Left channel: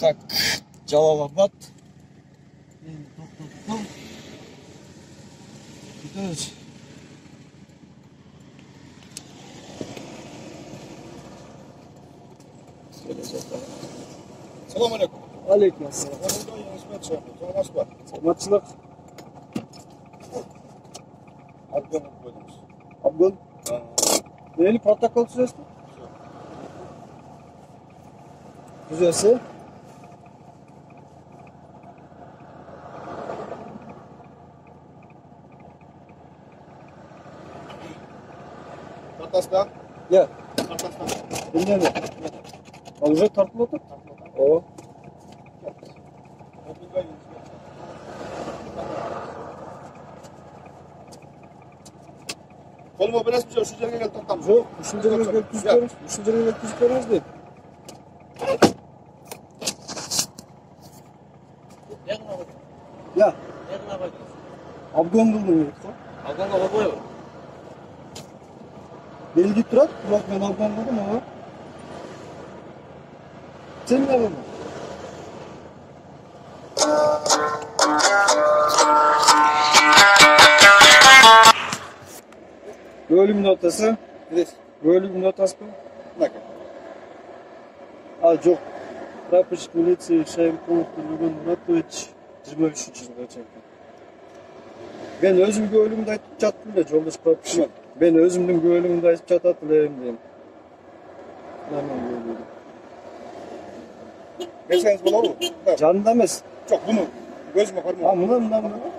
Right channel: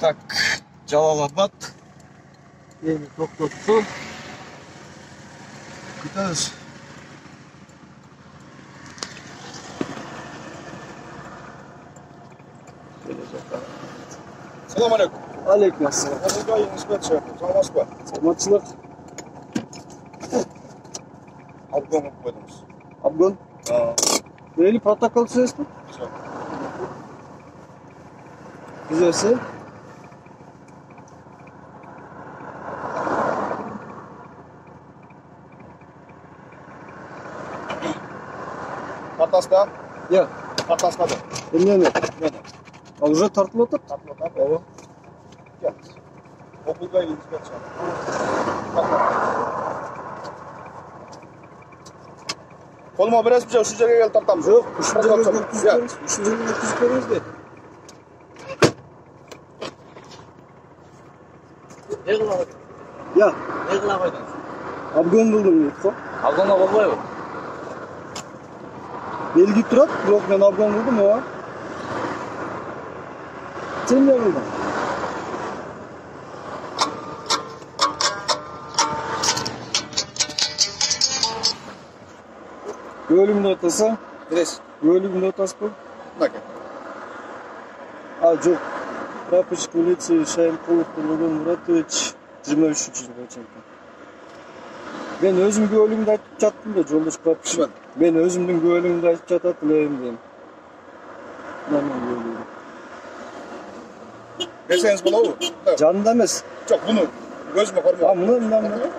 Так, Жалалабад. Эми токтотту. Күтөбүз. Салам алейкум. Алейкум ассалам. Кыргызга инспекция. Саламатсызбы? Саламатсызбы? Обгон кылып койдуңуз. Обгон? Мени протокол түзөсүзбү? Түзөсү? Картаста? Я. Картаста. Эмнеме? А уже тартылып атат? Тартылып атат. Ооба. Окуга инспекция. Колума бересиз же ушул жерге келип тартамыз? Жок, ушул жерге келип түзүп бериңиз. Ушул жерге түзүп бериңизби? Ne kıla koydun? Я. Ne kıla koydun? Обгон кылдым дейт го. Abdona koymuyor. Белги турат, бирок мен обгон кылдым, ооба. Сен эмне кылдың? Көлүгүн отасы? Бересиз. Көлүгүн отасызбы? Мынакей. Жок. Прапорщик милиции Шаймкулов Нургулгон Муратович 23-жылга чейин. Мен өзүм көлүгүмдү айтып жаттым да, жолдош прапорщик. Мен өзүмдүн көлүгүмдү айтып жатат элем дейм. Берсеңиз болобу? Жанында эмес. Жок, буну көзүмө көрмөйм. Мына.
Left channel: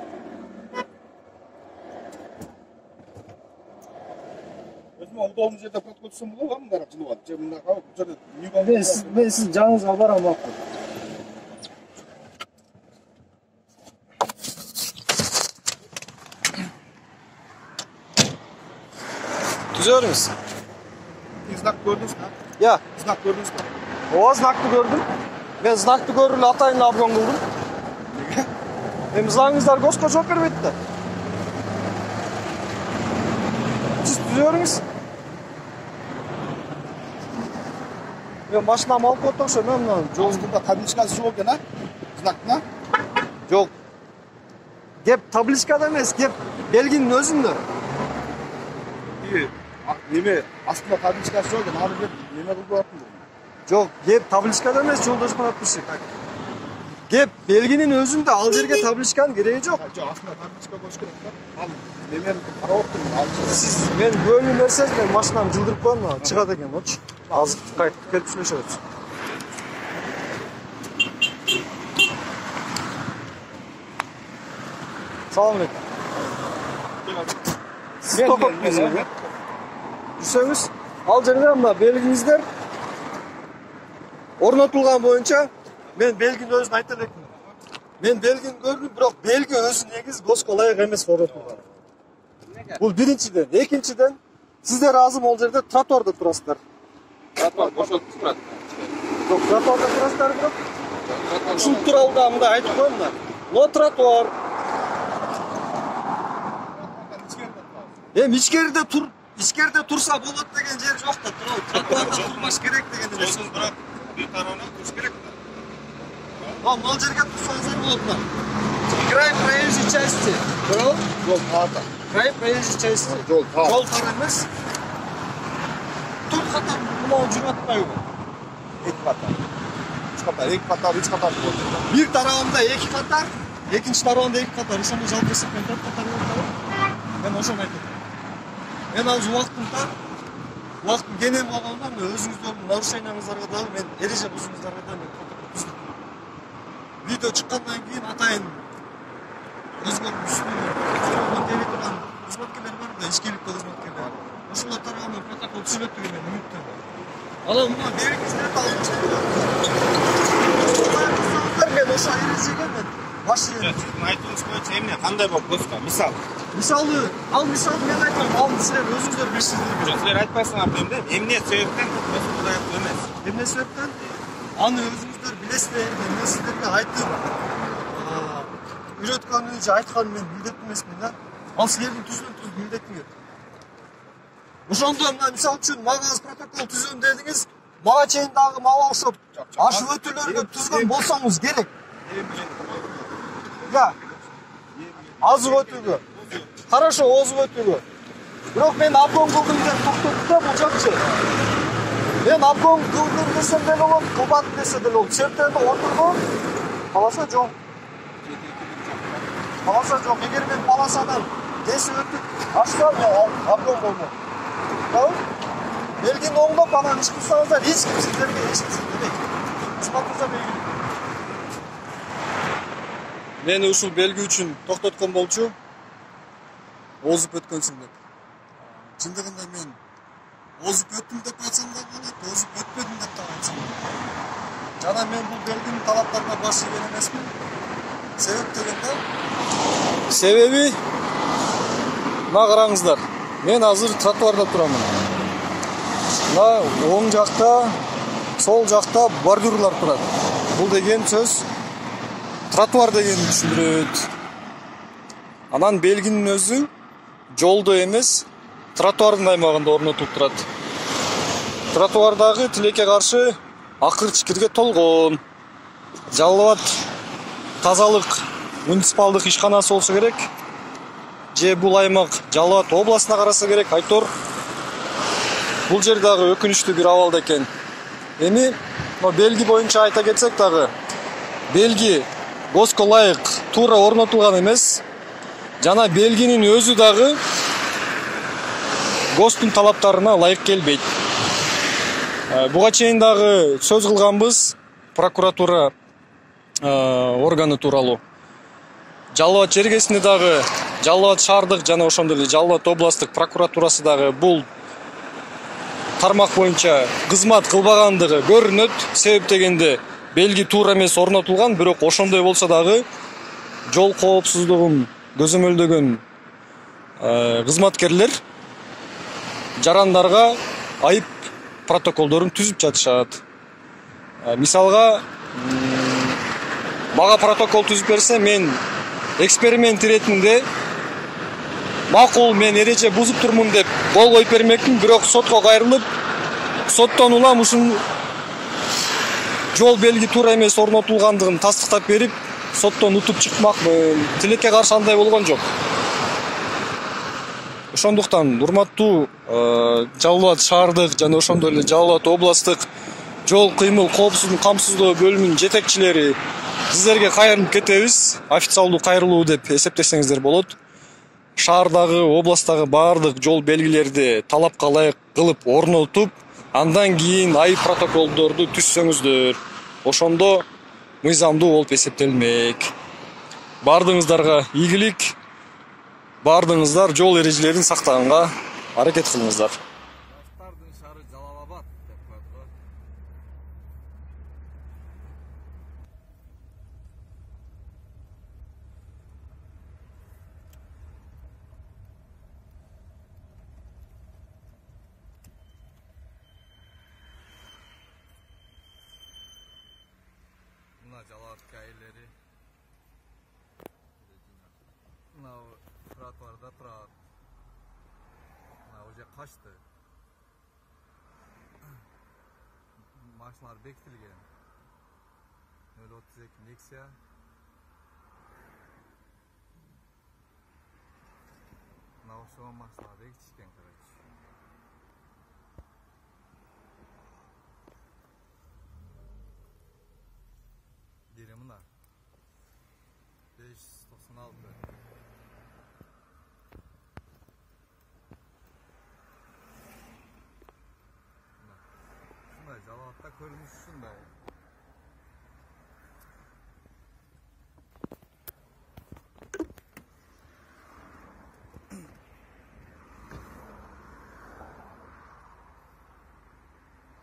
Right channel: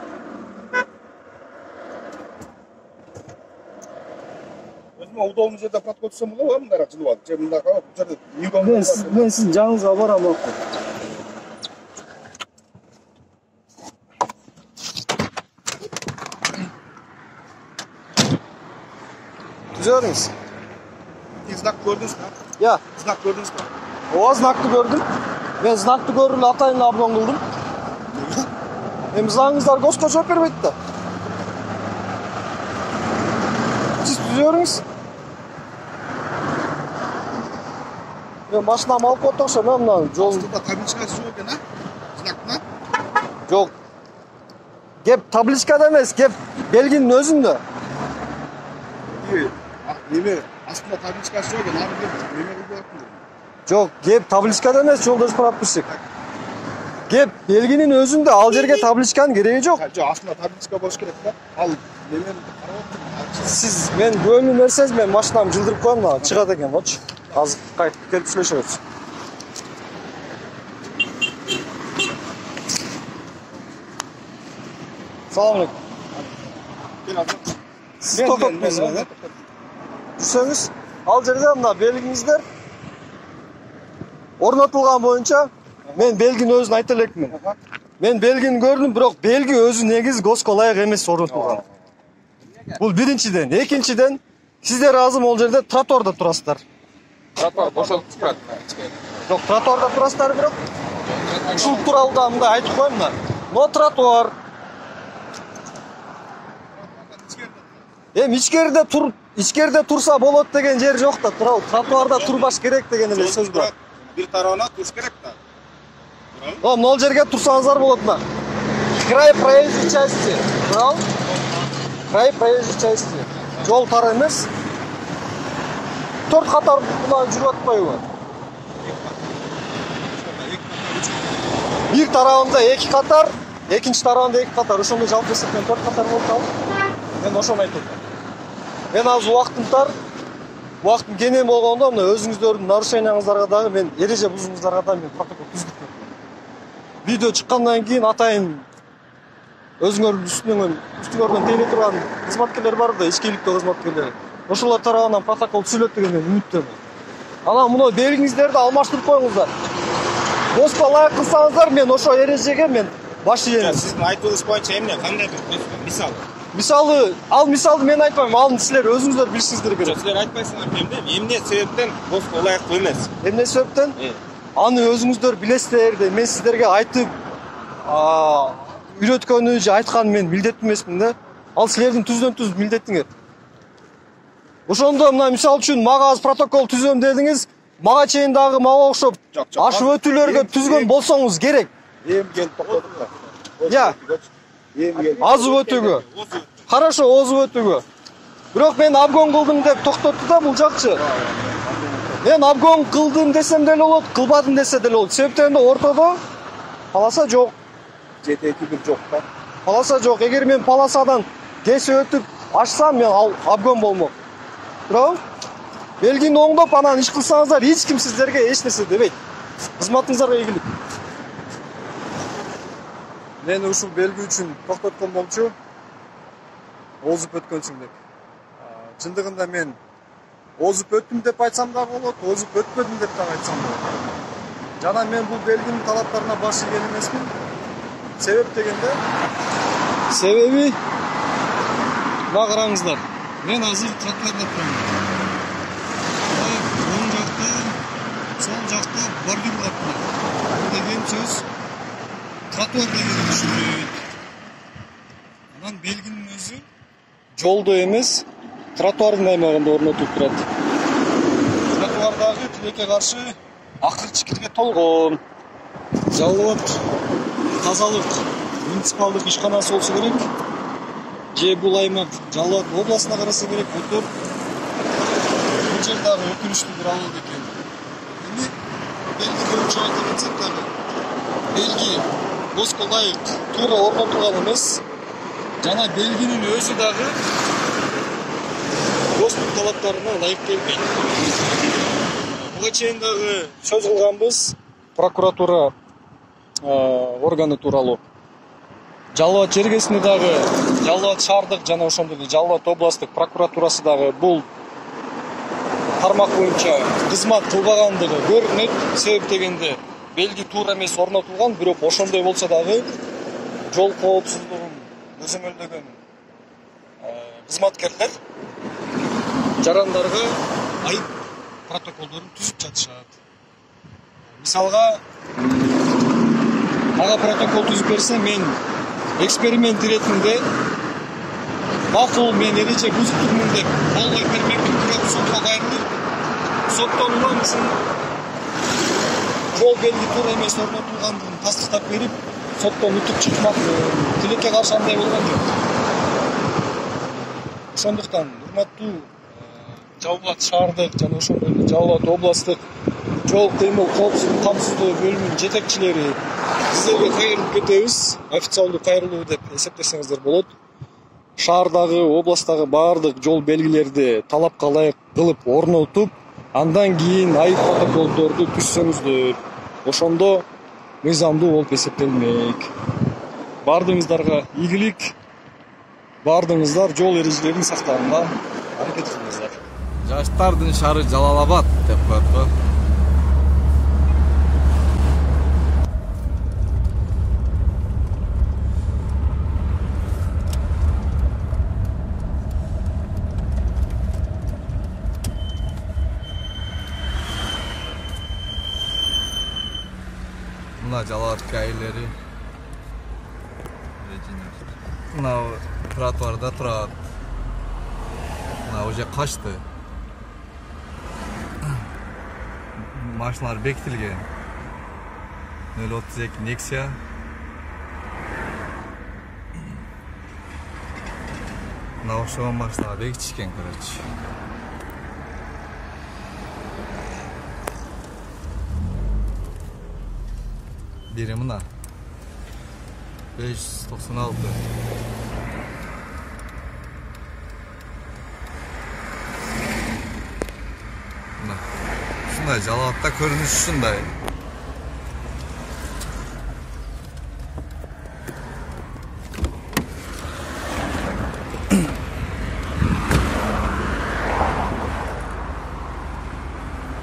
Өзүмө удобный жерде протокол түзсөм болобу? Мындай жылып алып, же мындай калып, бул жерде үйгөн. Мен сиздин жаныңызга барам акы. Түзөрүңүз. Знак көрдүңүзбү? Я. Знак көрдүңүзбү? Ооба, знакты көрдүм. Мен знакты көрүп эле атайын обгон кылдым. Эми заңыңыздар ГОСТко жооп бербейт да. Сиз түзөрүңүз. Мен машинам алып коет окшойм, мына жол. Астында табличкасы жок экен, знактына? Жок. Кеп табличкада эмес, кеп белгинин өзүндө. Неме, астында табличкасы жок экен, аны неме кылып коюптун дедим. Жок, кеп табличкада эмес, жолдош прапорщик. Кеп белгинин өзүндө, ал жерге табличканын кереги жок. Жок, астында табличка болуш керек да. Ал немени карап отурмун, алчы. Сиз мен көлүм берсеңиз, мен машинамды жылдырып коем, чыгат экен болчу. Азыр кайтып келип сүйлөшөбүз. Салам алейкум. Сиз токтоттуңузбу? Жүрсөңүз, ал жерде мына белгиңиздер орнотулган боюнча мен белгинин өзүн айта элекмин. Мен белгини көрдүм, бирок белги өзү негизи ГОСТко ылайык эмес орнотулган. Бул биринчиден, экинчиден сиздер азыр ал жерде тротуарда турасыздар. Тротуар бошолуп турат. Жок, тротуарда турасыздар бирок. Ушул тууралуу да мындай айтып коем да. Но тротуар. Ичкерде турса болот деген жер жок да, тротуарда турбаш керек деген эле сөз бар. Бир тарабына туруш керек да. Мына жерге турсаңыздар болот мына. Край проезжей части. Туурабы? Край проезжей части. Жол тар эмес. 4 катар мына жүрүп атпайбы? 2 катар. 3 катар, 2 катар, 3 катар. Бир тарабында 2 катар, экинчи тарабында 2 катар. Ошондо жалпы эсептен 4 катар болуп калат. Мен ошону айтып атам. Мен азыр убактым тар. Убактым кенен болгондо мына өзүңүздөрдүн нарушениеңиздарга дагы мен эреже бузууңуздарга да мен протокол түзүп бердим. Видео чыккандан кийин атайын өзүңөрдүн үстүңөрдөн тейлей турган кызматкерлер бар да, ичкиликтүү кызматкерлер. Ошолор тарабынан протокол түзүлөт деген мен үмүттөнөм. Анан мына белгиңиздерди алмаштырып коюңуздар. ГОСТко ылайык кылсаңыздар, мен ошо эрежеге мен баш ийем. Сиздин айтууңуз боюнча эмне, кандай болуп ГОСТко? Мисалы мен айтпайм, аны силер өзүңүздөр билишиңиздер керек. Силер айтпайсыңар дейм, эмне себептен ГОСТко ылайыктуу эмес? Эмне себептен? Аны өзүңүздөр билесиздер да, мен сиздерге айтып, үйрөткөнү же айтканды мен милдеттүү эмесмин да. Ал силердин түздөн түз милдетиңер. Ошондо мына мисалы үчүн мага азыр протокол түзөм дедиңиз, мага чейин дагы мага окшоп Жок, ашып өтүүлөргө түзгөн болсоңуз керек. Эми келип токтодук да. Я, Эми келип. азып өтүүгө. Хорошо, озуп өтүүгө. Бирок мен обгон кылдым деп токтотту да бул жакчы. Мен обгон кылдым десем деле болот, кылбадым десе деле болот. Себептен ортодо полоса жок. Жетекидик жок да. Полоса жок. Эгер мен полосадан кесип өтүп ашсам, мен ал обгон болмок. Бирок белгини оңдоп анан иш кылсаңыздар, эч ким сиздерге эч нерсе дебейт. Кызматыңыздарга ийгилик. Мени ушул белги үчүн токтоткон болчу. Озуп өткөнсүң деп. Чындыгында мен озуп өттүм деп айтсам да болот, озуп өтпөдүм деп да айтсам болот. Жана мен бул белгинин талаптарына баш ийген эмесмин. Себеп дегенде, себеби мына караңыздар. Мен азыр тротуарда турам. Мына оң жакта, сол жакта бордюрлар турат. Бул деген сөз тротуар деген түшүнүлөт. Анан белгинин өзү жолдо эмес, тротуардын аймагында орнотулуп турат. Тротуардагы тилекке каршы акыр чикирге толгон. Жалал Абад тазалык муниципалдык ишканасы болсо керек. Же бул аймак Жалал Абад областына караса керек, айтор. Бул жер дагы өкүнүчтүү бир абалда экен. Эми белги боюнча айта кетсек дагы, белги госко ылайык туура орнотулган эмес. Жана белгинин өзү дагы ГОСТун талаптарына ылайык келбейт. Буга чейин дагы сөз кылганбыз прокуратура органы тууралуу. Жалал Абад чергесинде дагы Жалал Абад шаардык жана ошондой эле Жалал Абад областтык прокуратурасы дагы бул тармак боюнча кызмат кылбагандыгы көрүнөт. Себеп дегенде белги туура эмес орнотулган, бирок ошондой болсо дагы жол коопсуздугун көзөмөлдөгөн кызматкерлер жарандарга айып протоколдорун түзүп жатышат. Мисалга, мага протокол түзүп берсе, мен эксперимент иретинде макул, мен эреже бузуп турмун деп кол коюп бермекмин, бирок сотко кайрылып, соттон улам ушун жол белги туура эмес орнотулгандыгын тастыктап берип, соттон утуп чыкмакмын. Тилекке каршы андай болгон жок. Ошондуктан урматтуу Жалал Абад шаардык жана ошондой эле Жалал Абад областтык жол кыймыл коопсуздугун камсыздоо бөлүмүнүн жетекчилери, сиздерге кайрылып кетебиз. Официалдуу кайрылуу деп эсептесеңиздер болот. Шаардагы, областтагы баардык жол белгилерди талапка ылайык кылып орнотуп, андан кийин айып протоколдорду түзсөңүздөр. Ошондо мыйзамдуу болуп эсептелмек. Баардыгыңыздарга ийгилик. Баардыгыңыздар жол эрежелерин сактаганга аракет кылыңыздар. Жаштардын шаары Жалал Абад деп коет го. Мына Жалал Абад кайылери. Мына тротуарда турат. Мына уже качты. Машиналар бекитилген. 032 Nexia. Мына ошол машиналар бекитишкен, короче. Бири мына 596. Мына ушундай Жалал Абадта көрүнүш ушундай.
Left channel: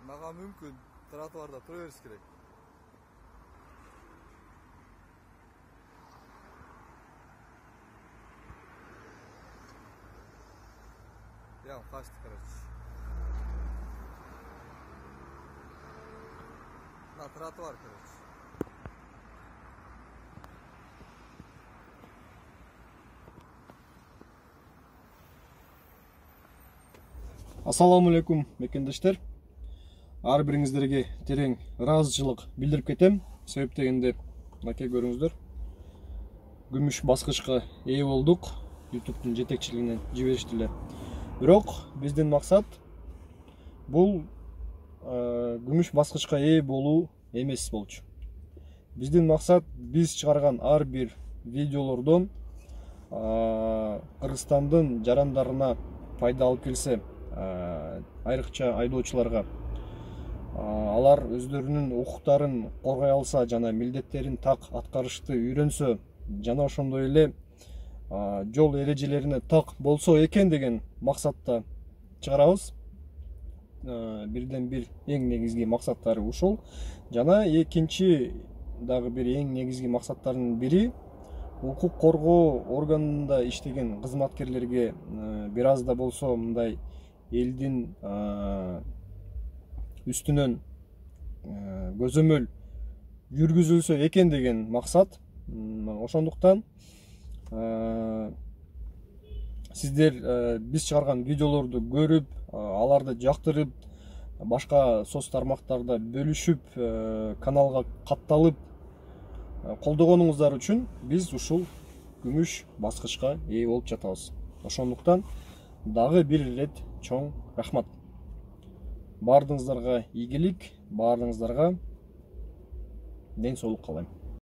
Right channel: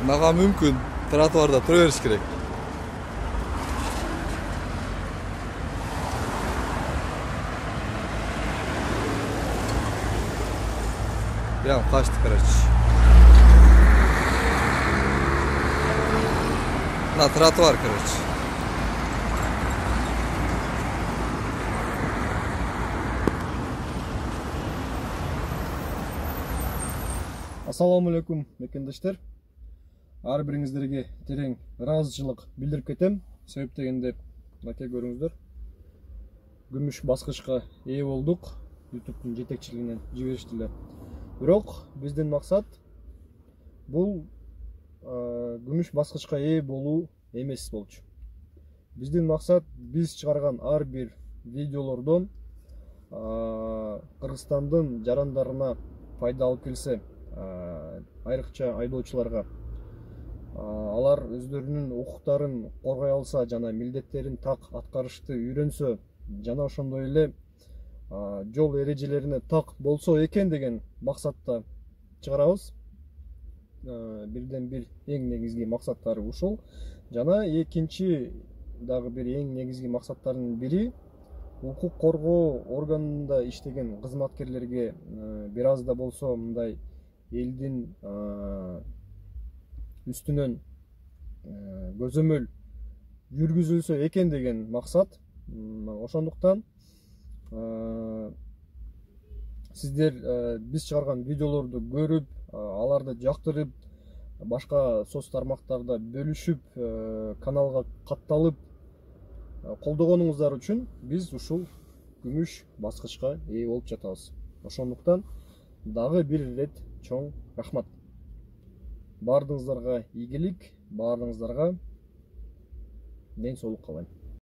Мага мүмкүн тротуарда тура бериш керек. Прям качты, короче. На тротуар, короче. Ассаламу алейкум мекендештер. Ар бириңиздерге терең ыраазычылык билдирип кетем. Себеп дегенде мынакей көрүңүздөр. Күмүш баскычка ээ болдук. YouTube'дун жетекчилигинен жибериштилер. Бирок биздин максат бул күмүш баскычка ээ болуу эмес болчу. Биздин максат биз чыгарган ар бир видеолордон Кыргызстандын жарандарына пайда алып келсе, айрыкча айдоочуларга алар өздөрүнүн укуктарын коргой алса жана милдеттерин так аткарышты үйрөнсө жана ошондой эле жол эрежелерине так болсо экен деген максатта чыгарабыз. Бирден бир эң негизги максаттары ушул. Жана экинчи дагы бир эң негизги максаттардын бири укук коргоо органында иштеген кызматкерлерге бир аз да болсо мындай элдин үстүнөн көзөмөл жүргүзүлсө экен деген максат. Ошондуктан сиздер биз чыгарган видеолорду көрүп, аларды жактырып, башка соц тармактарда бөлүшүп, каналга катталып колдогонуңуздар үчүн биз ушул күмүш баскычка ээ болуп жатабыз. Ошондуктан дагы бир ирет чоң рахмат. Бардыгыңыздарга ийгилик, бардыгыңыздарга ден соолук каалайм.